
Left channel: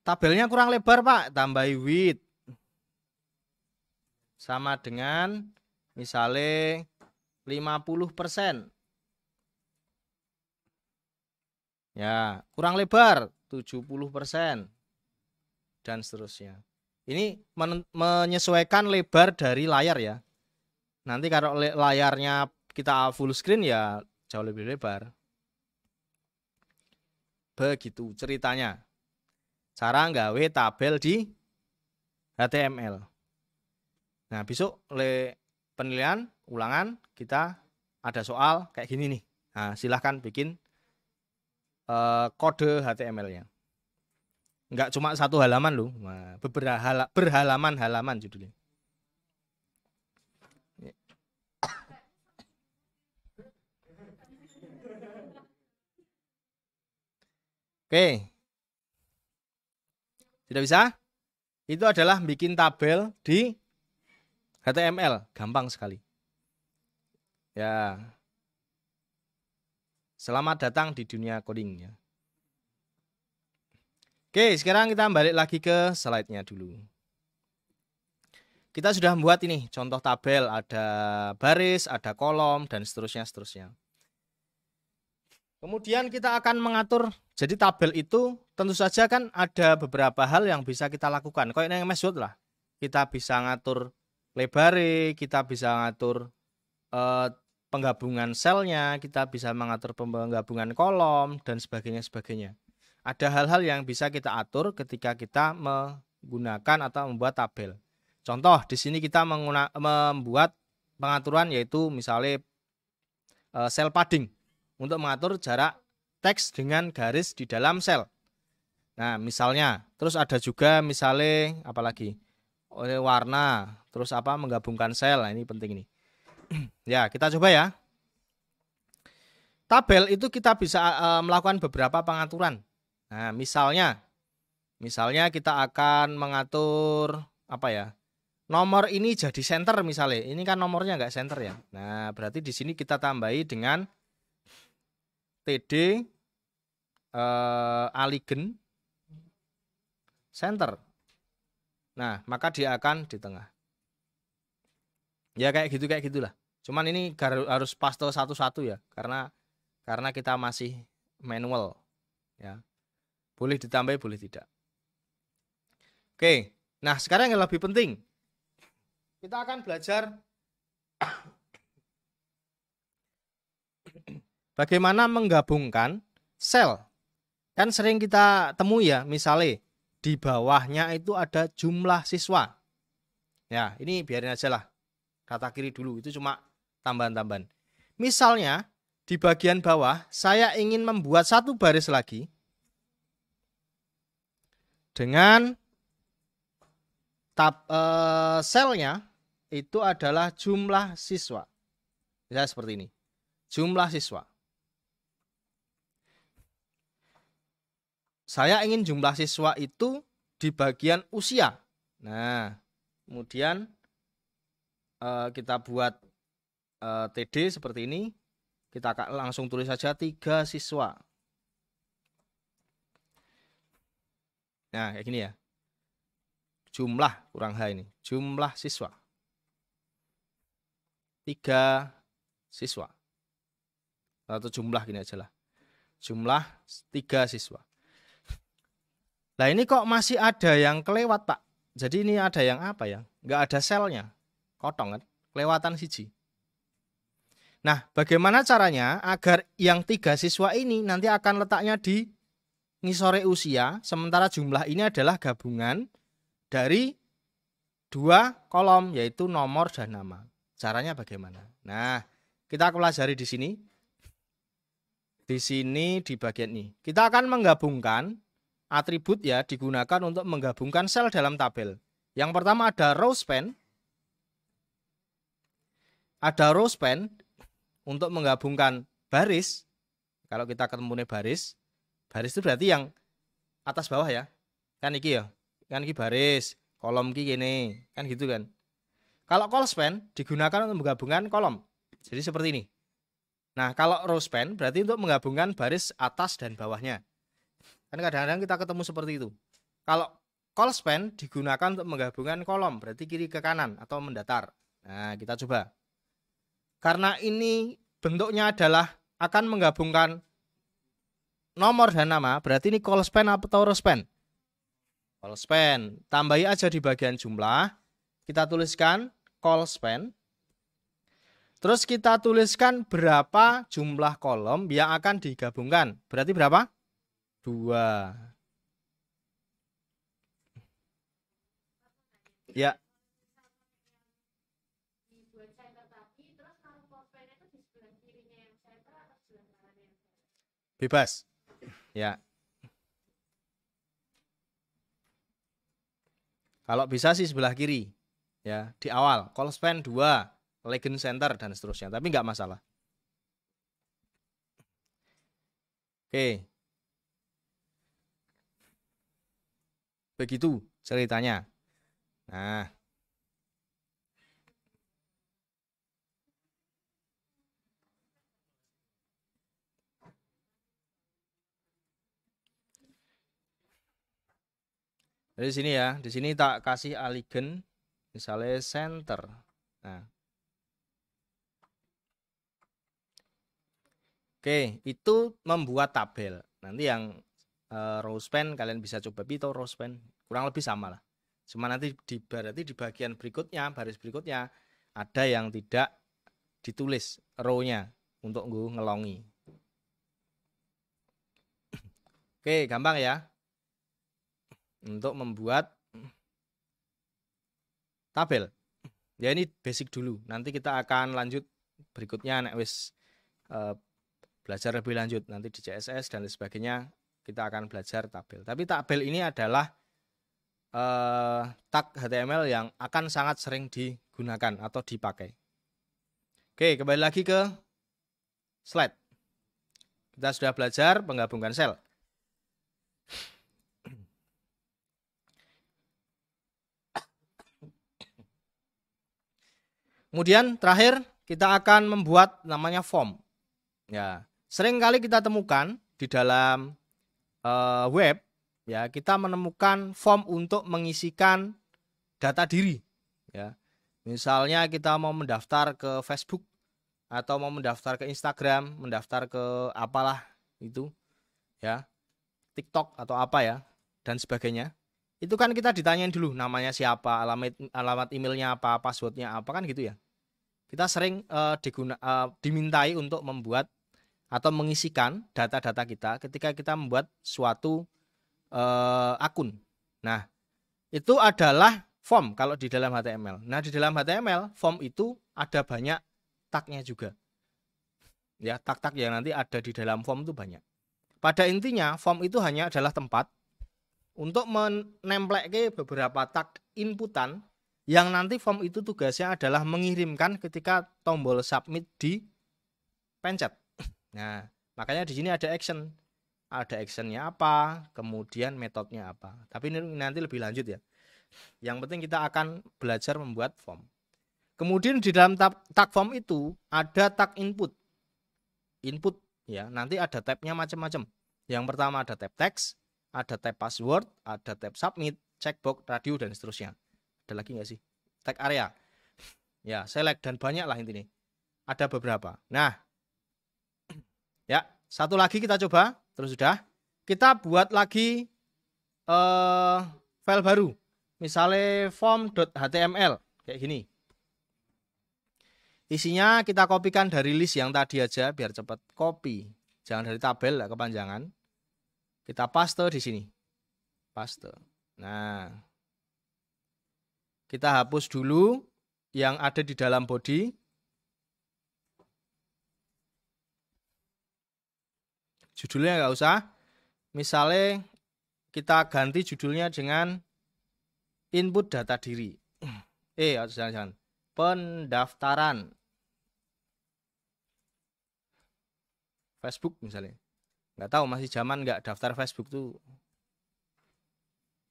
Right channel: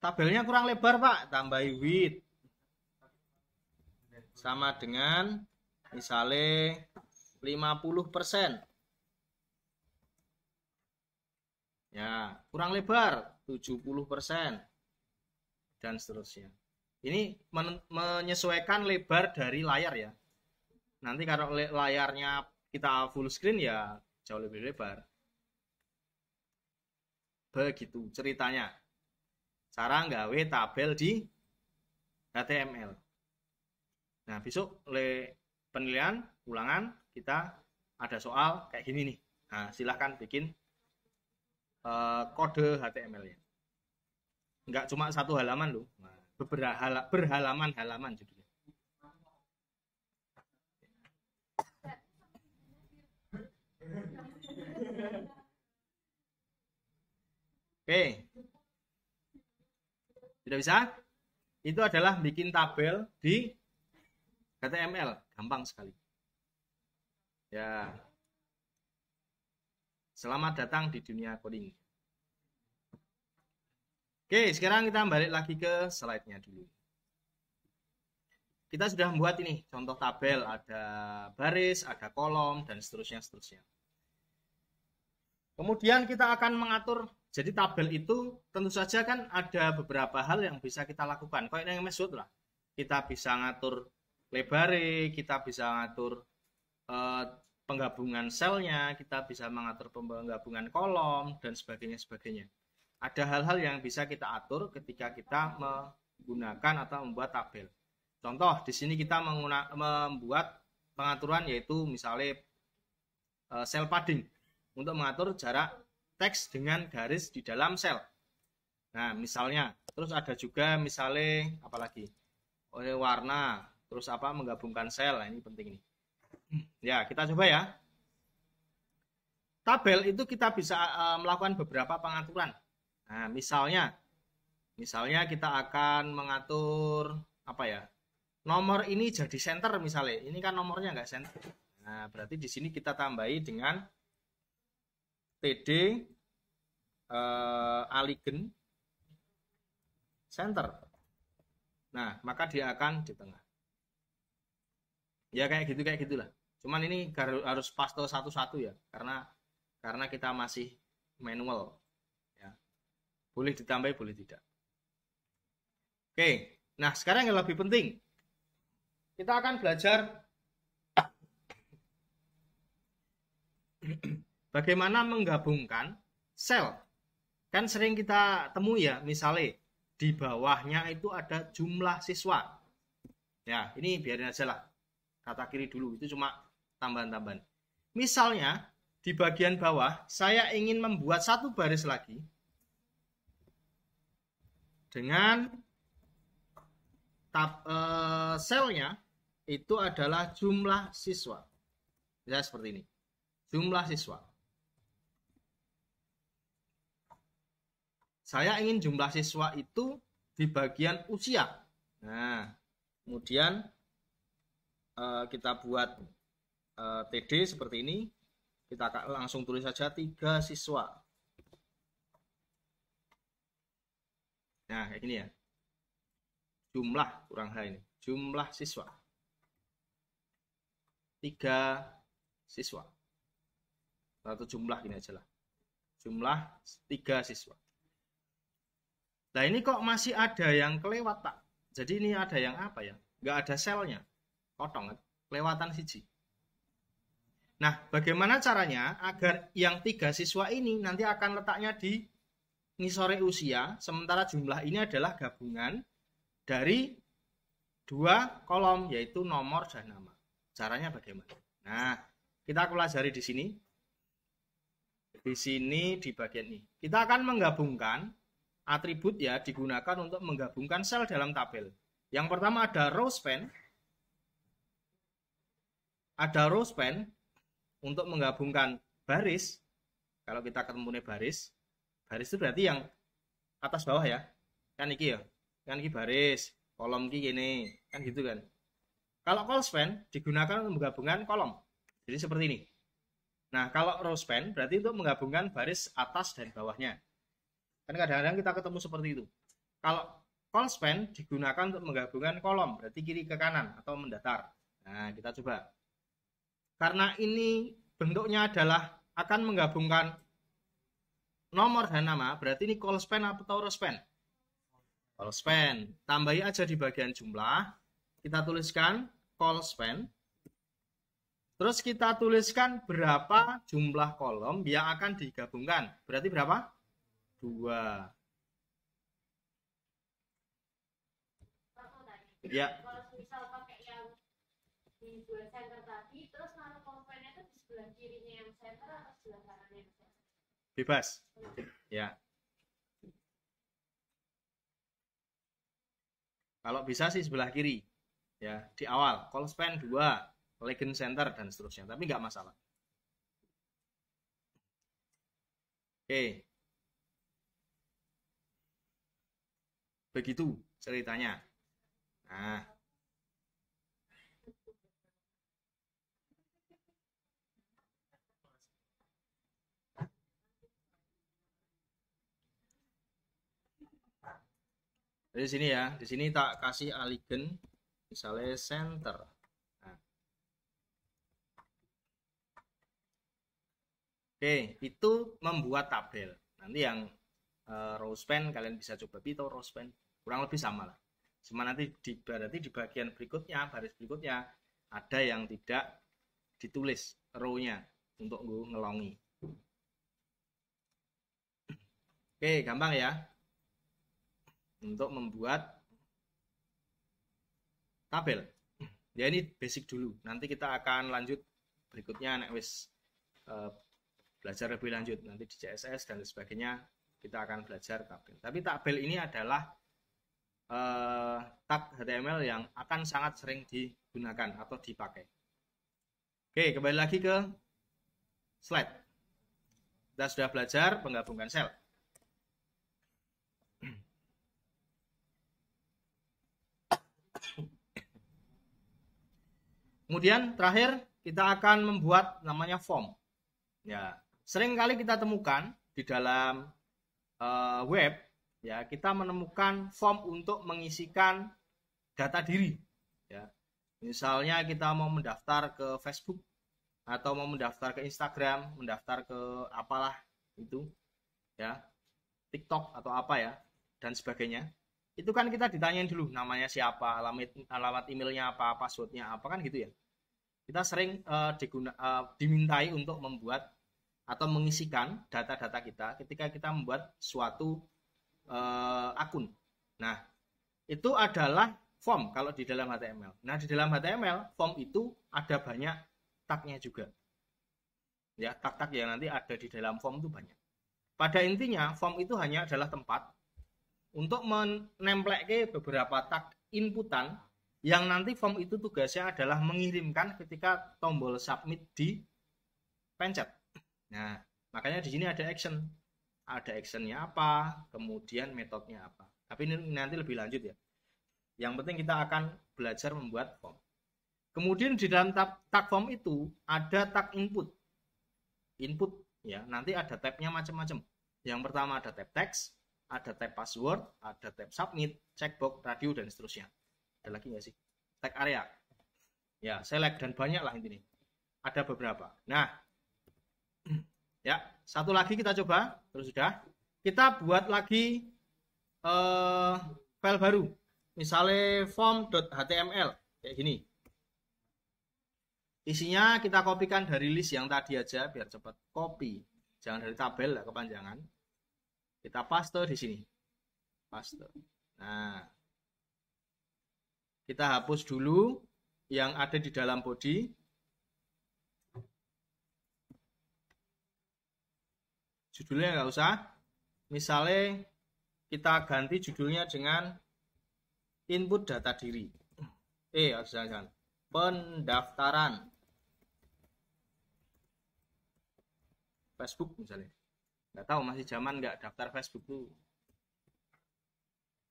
Tabelnya kurang lebar, Pak, tambahi width. Sama dengan misalnya 50%. Ya, kurang lebar 70% dan seterusnya. Ini menyesuaikan lebar dari layar ya. Nanti kalau layarnya kita full screen ya jauh lebih lebar. Begitu ceritanya. Cara nggawe tabel di HTML. Nah, besok oleh penilaian ulangan kita ada soal kayak gini nih. Nah, silahkan bikin kode HTML-nya. Enggak cuma satu halaman loh, nah, berhalaman-halaman judulnya. Oke. Tidak bisa? Itu adalah bikin tabel di HTML, gampang sekali. Ya. Selamat datang di dunia coding ya. Oke, sekarang kita balik lagi ke slide-nya dulu. Kita sudah membuat ini contoh tabel, ada baris, ada kolom, dan seterusnya. Kemudian kita akan mengatur, jadi tabel itu tentu saja kan ada beberapa hal yang bisa kita lakukan. Kayak yang MS Word lah, kita bisa ngatur lebar, kita bisa ngatur penggabungan selnya, kita bisa mengatur penggabungan kolom, dan sebagainya. Ada hal-hal yang bisa kita atur ketika kita menggunakan atau membuat tabel. Contoh, di sini kita membuat pengaturan yaitu misalnya sel padding untuk mengatur jarak teks dengan garis di dalam sel. Nah, misalnya, terus ada juga misalnya apalagi warna, terus apa menggabungkan sel. Nah, ini penting nih. Ya, kita coba ya. tabel itu kita bisa melakukan beberapa pengaturan. Nah, misalnya kita akan mengatur apa ya? Nomor ini jadi center misalnya. Ini kan nomornya nggak center ya. Nah, berarti di sini kita tambahi dengan PD aligen center. Nah, maka dia akan di tengah. Ya kayak gitulah. Cuman ini harus paste satu-satu ya, karena kita masih manual ya. Boleh ditambah boleh tidak. Oke, nah sekarang yang lebih penting, kita akan belajar bagaimana menggabungkan sel. Kan sering kita temui ya, misalnya di bawahnya itu ada jumlah siswa. Ya, ini biarin aja lah. Kata kiri dulu, itu cuma tambahan-tambahan. Misalnya, di bagian bawah, saya ingin membuat satu baris lagi dengan selnya itu adalah jumlah siswa. Ya, seperti ini. Jumlah siswa. Saya ingin jumlah siswa itu di bagian usia. Nah, kemudian kita buat TD seperti ini. Kita langsung tulis saja 3 siswa. Nah, ini ya. Jumlah kurang H ini. Jumlah siswa. 3 siswa. Atau jumlah gini aja lah. Jumlah 3 siswa. Nah ini kok masih ada yang kelewat Pak. Jadi ini ada yang apa ya? Nggak ada selnya. Potong kan? Kelewatan siji. Nah bagaimana caranya agar yang 3 siswa ini nanti akan letaknya di ngisore usia. Sementara jumlah ini adalah gabungan dari 2 kolom yaitu nomor dan nama. Caranya bagaimana? Nah kita pelajari di sini. Di sini di bagian ini. Kita akan menggabungkan atribut ya digunakan untuk menggabungkan sel dalam tabel. Yang pertama ada row span. Ada row span untuk menggabungkan baris. Kalau kita ketemu baris, baris itu berarti yang atas bawah ya. Kan iki ya. Kan iki baris, kolom iki ini, kan gitu kan. Kalau call span digunakan untuk menggabungkan kolom. Jadi seperti ini. Nah, kalau row span berarti itu menggabungkan baris atas dan bawahnya. Kadang-kadang kita ketemu seperti itu. Kalau call span digunakan untuk menggabungkan kolom, berarti kiri ke kanan atau mendatar. Nah, kita coba. Karena ini bentuknya adalah akan menggabungkan nomor dan nama, berarti ini call span atau row span? Call span. Tambahi aja di bagian jumlah. Kita tuliskan call span. Terus kita tuliskan berapa jumlah kolom yang akan digabungkan. Berarti berapa? 2. Ya. Bebas. Ya. Kalau bisa sih sebelah kiri. Ya, di awal. Call span 2, legend center dan seterusnya. Tapi nggak masalah. Oke. Begitu ceritanya. Nah. Dari sini ya, di sini tak kasih aligen misalnya center. Nah. Oke, itu membuat tabel. Nanti yang row span kalian bisa coba itu row span kurang lebih sama lah. Cuma nanti berarti di bagian berikutnya, baris berikutnya ada yang tidak ditulis row-nya untuk ngelongi. Oke, gampang ya. Untuk membuat tabel. Ya ini basic dulu. Nanti kita akan lanjut berikutnya belajar lebih lanjut nanti di CSS dan sebagainya kita akan belajar tabel. Tapi tabel ini adalah tag HTML yang akan sangat sering digunakan atau dipakai. Oke, kembali lagi ke slide. Kita sudah belajar menggabungkan sel. Kemudian terakhir kita akan membuat namanya form. Ya, sering kali kita temukan di dalam web, ya, kita menemukan form untuk mengisikan data diri. Ya, misalnya kita mau mendaftar ke Facebook atau mau mendaftar ke Instagram, mendaftar ke apalah itu, ya, TikTok atau apa ya, dan sebagainya. Itu kan kita ditanyain dulu namanya siapa, alamat emailnya apa, passwordnya apa, kan gitu ya. Kita sering dimintai untuk membuat atau mengisikan data-data kita ketika kita membuat suatu akun. Nah, itu adalah form kalau di dalam HTML. Nah, di dalam HTML form itu ada banyak tagnya juga. Ya, tag-tag yang nanti ada di dalam form itu banyak. Pada intinya form itu hanya adalah tempat untuk menempelkan beberapa tag inputan yang nanti form itu tugasnya adalah mengirimkan ketika tombol submit dipencet. Nah, makanya di sini ada action. Ada actionnya apa, kemudian metodenya apa. Tapi ini nanti lebih lanjut ya. Yang penting kita akan belajar membuat form. Kemudian di dalam tag form itu ada tag input. Input ya, nanti ada tabnya macam-macam. Yang pertama ada tab text, ada tab password, ada tab submit, checkbox, radio, dan seterusnya. Ada lagi nggak sih? Tag area. Ya, select dan banyak lah intinya. Ada beberapa. Nah, ya, satu lagi kita coba. Terus sudah. Kita buat lagi file baru. Misalnya form.html kayak ini. Isinya kita kopikan dari list yang tadi aja biar cepat. Copy. Jangan dari tabel lah, kepanjangan. Kita paste di sini. Paste. Nah, kita hapus dulu yang ada di dalam body. Judulnya nggak usah. Misalnya kita ganti judulnya dengan input data diri. Jangan. Pendaftaran Facebook misalnya. Nggak tahu masih zaman nggak daftar Facebook tuh.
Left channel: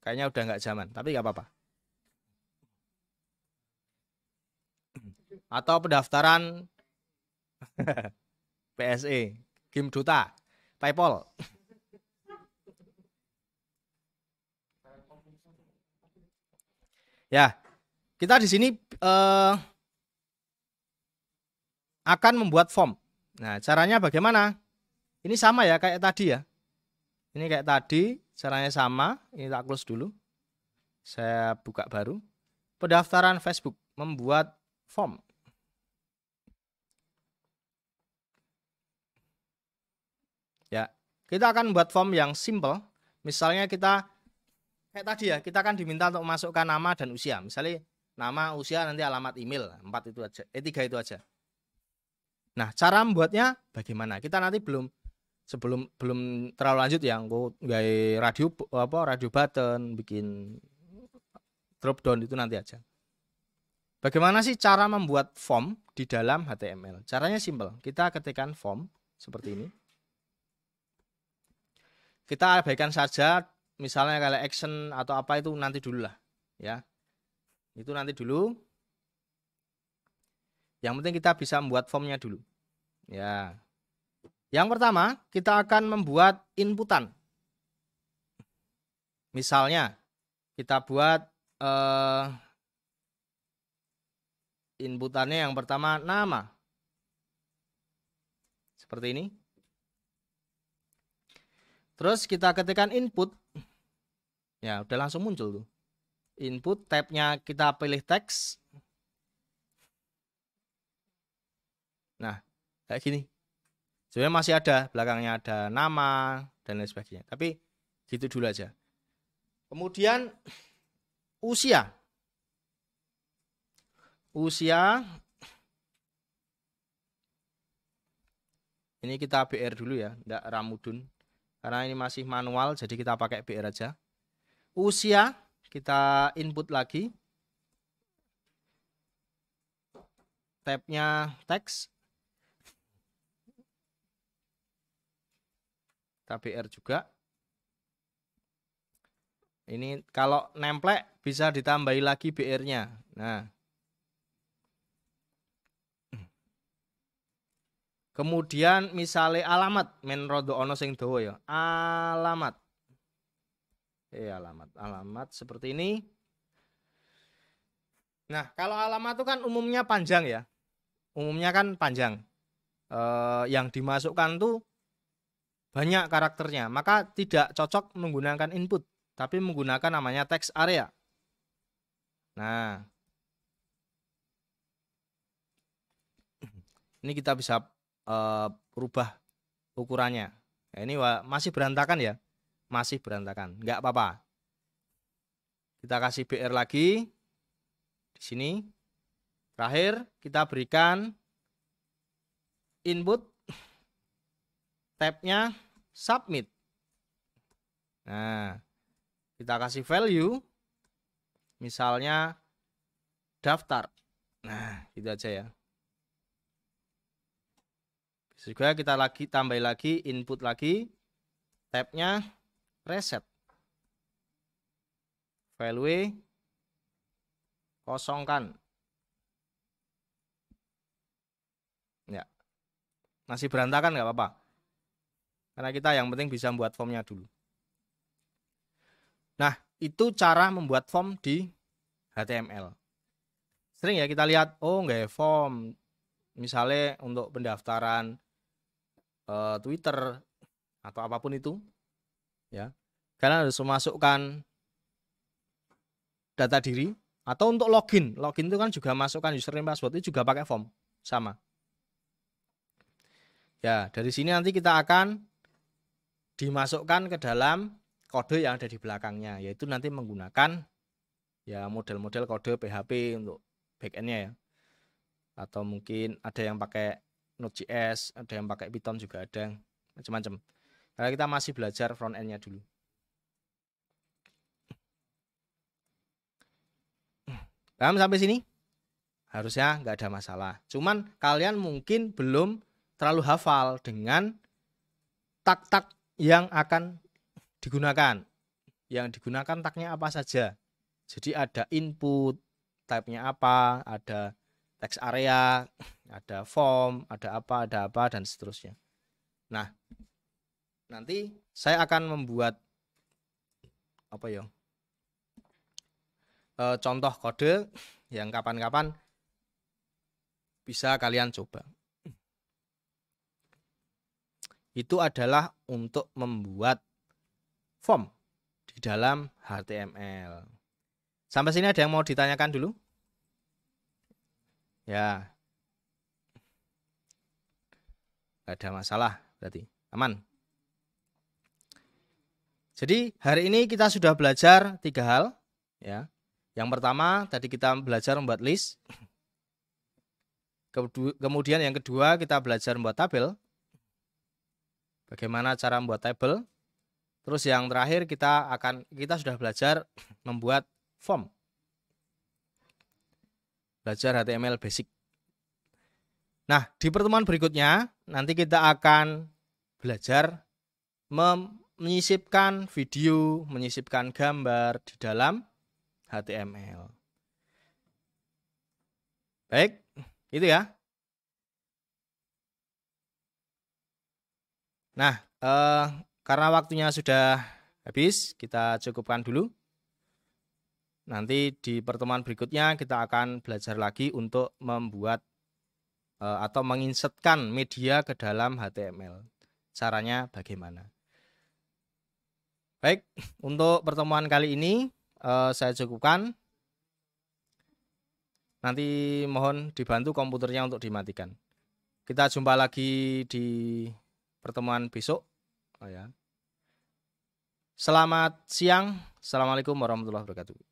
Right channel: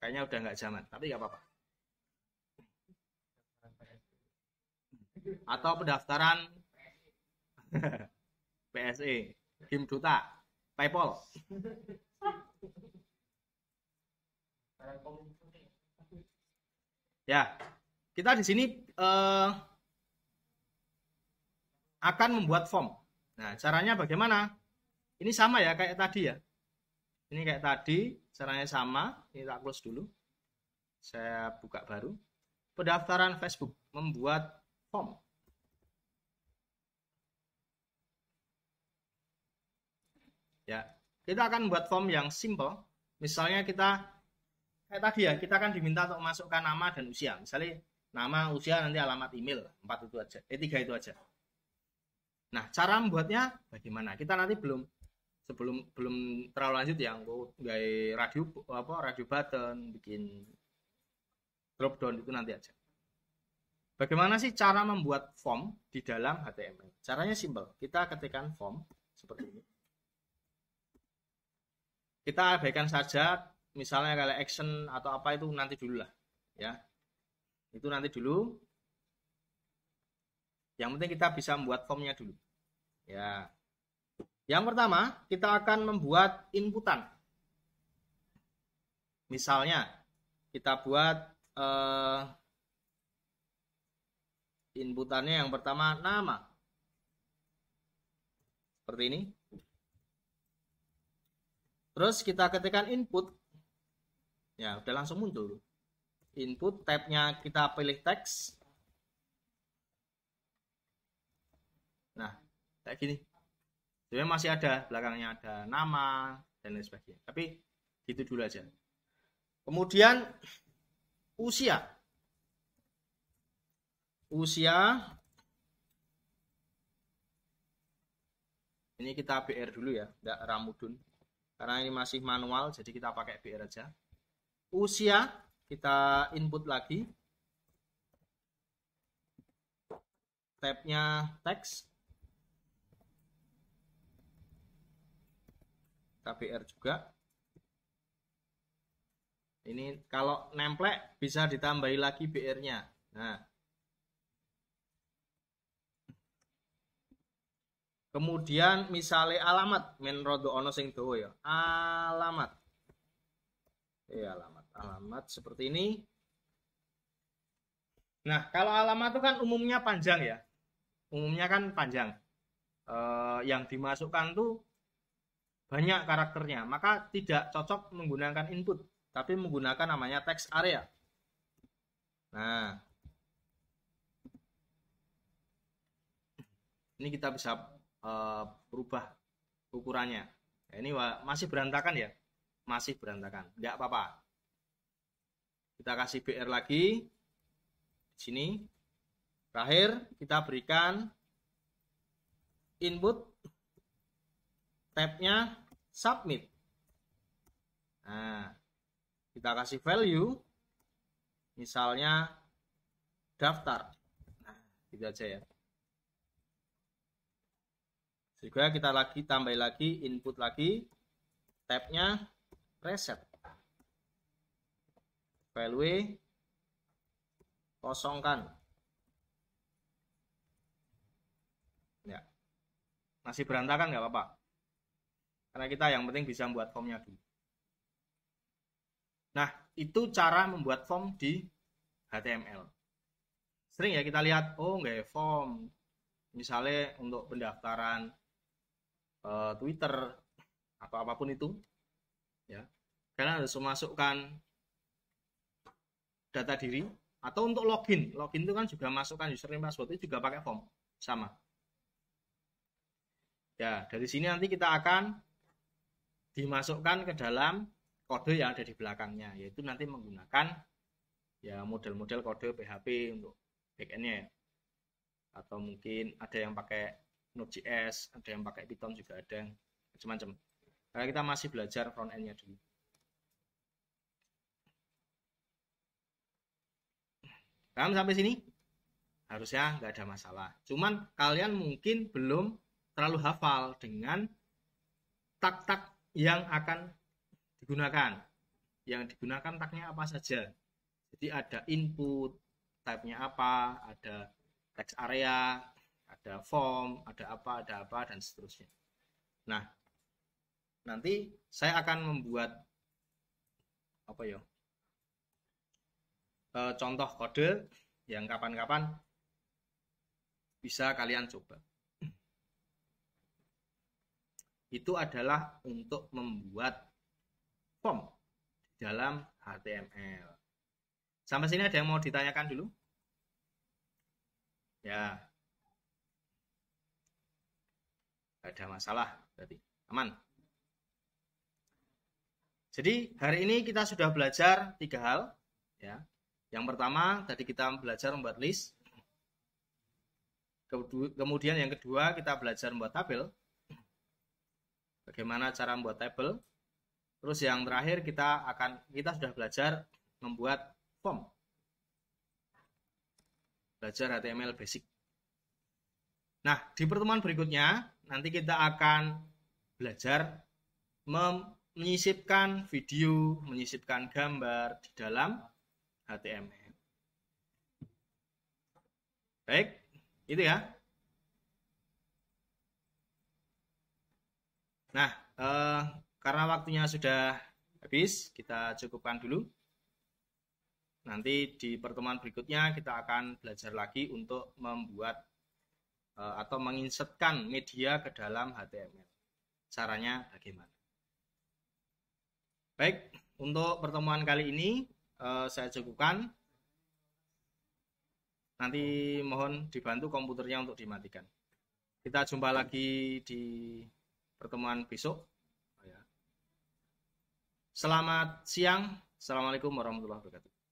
Kayaknya udah nggak zaman, tapi nggak apa-apa. Atau pendaftaran PSE, Kim Duta, PayPal. Ya, kita di sini akan membuat form. Nah, caranya bagaimana? Ini sama ya kayak tadi ya. Ini kayak tadi, caranya sama. Ini tak close dulu. Saya buka baru. Pendaftaran Facebook, membuat form. Ya, kita akan membuat form yang simple. Misalnya kita kayak tadi ya, kita akan diminta untuk memasukkan nama dan usia. Misalnya nama, usia, nanti alamat email, 4 itu aja, 3 itu aja. Nah, cara membuatnya bagaimana? Kita nanti belum terlalu lanjut ya, radio button, bikin drop down itu nanti aja. Bagaimana sih cara membuat form di dalam HTML? Caranya simple. Kita ketikkan form seperti ini. Kita abaikan saja, misalnya kayak action atau apa itu nanti dulu lah, ya. Itu nanti dulu. Yang penting kita bisa membuat formnya dulu. Ya. Yang pertama, kita akan membuat inputan. Misalnya, kita buat inputannya yang pertama nama. Seperti ini. Terus kita ketikkan input. Ya, udah langsung muncul tuh. Input, tabnya kita pilih teks. Nah, kayak gini. Sebenarnya masih ada, belakangnya ada nama dan lain sebagainya. Tapi gitu dulu aja. Kemudian usia. Usia. Ini kita BR dulu ya, enggak Ramudun. Karena ini masih manual, jadi kita pakai BR aja. Usia kita input lagi. Tabnya teks. kita BR juga. Ini kalau nemplek bisa ditambahi lagi BR-nya. Nah, kemudian misalnya alamat, men rodo ono sing dawa ya. Alamat. Alamat seperti ini. Nah, kalau alamat itu kan umumnya panjang ya. Umumnya kan panjang. Yang dimasukkan tuh banyak karakternya, maka tidak cocok menggunakan input, tapi menggunakan namanya text area. Nah, ini kita bisa rubah ukurannya. Ya, ini masih berantakan ya, masih berantakan, nggak apa-apa. Kita kasih BR lagi di sini. Terakhir kita berikan input, tabnya submit. Nah, kita kasih value, misalnya daftar. Nah, itu aja ya. Juga kita tambah lagi input lagi, tabnya reset. Value kosongkan. Ya, masih berantakan nggak apa-apa. Karena kita yang penting bisa membuat formnya dulu. Nah, itu cara membuat form di HTML. Sering ya kita lihat, oh nggak form, misalnya untuk pendaftaran Twitter atau apapun itu, ya, karena harus memasukkan data diri, atau untuk login itu kan juga masukkan username password, itu juga pakai form, sama. Ya, dari sini nanti kita akan dimasukkan ke dalam kode yang ada di belakangnya, yaitu nanti menggunakan ya model-model kode PHP untuk backend-nya ya, atau mungkin ada yang pakai Node.js, ada yang pakai Python juga, ada yang macam-macam. Karena kita masih belajar front end-nya dulu. Paham sampai sini? Harusnya nggak ada masalah. Cuman kalian mungkin belum terlalu hafal dengan tag-tag yang akan digunakan. Yang digunakan tagnya apa saja. Jadi ada input, type-nya apa, ada text area, ada form, ada apa, dan seterusnya. Nah, nanti saya akan membuat apa ya? Contoh kode yang kapan-kapan bisa kalian coba. Itu adalah untuk membuat form di dalam HTML. Sampai sini ada yang mau ditanyakan dulu? Ya. Gak ada masalah berarti. Aman. Jadi hari ini kita sudah belajar 3 hal. Ya. Yang pertama tadi kita belajar membuat list. Kemudian yang kedua kita belajar membuat tabel. Bagaimana cara membuat tabel. Terus yang terakhir kita sudah belajar membuat form. Belajar HTML basic. Nah, di pertemuan berikutnya nanti kita akan belajar menyisipkan video, menyisipkan gambar di dalam HTML. Baik, itu ya. Nah, karena waktunya sudah habis, kita cukupkan dulu. Nanti di pertemuan berikutnya kita akan belajar lagi untuk membuat atau menginsertkan media ke dalam HTML. Caranya bagaimana? Baik, untuk pertemuan kali ini saya cukupkan. Nanti mohon dibantu komputernya untuk dimatikan. Kita jumpa lagi di pertemuan besok. Selamat siang. Assalamualaikum warahmatullahi wabarakatuh.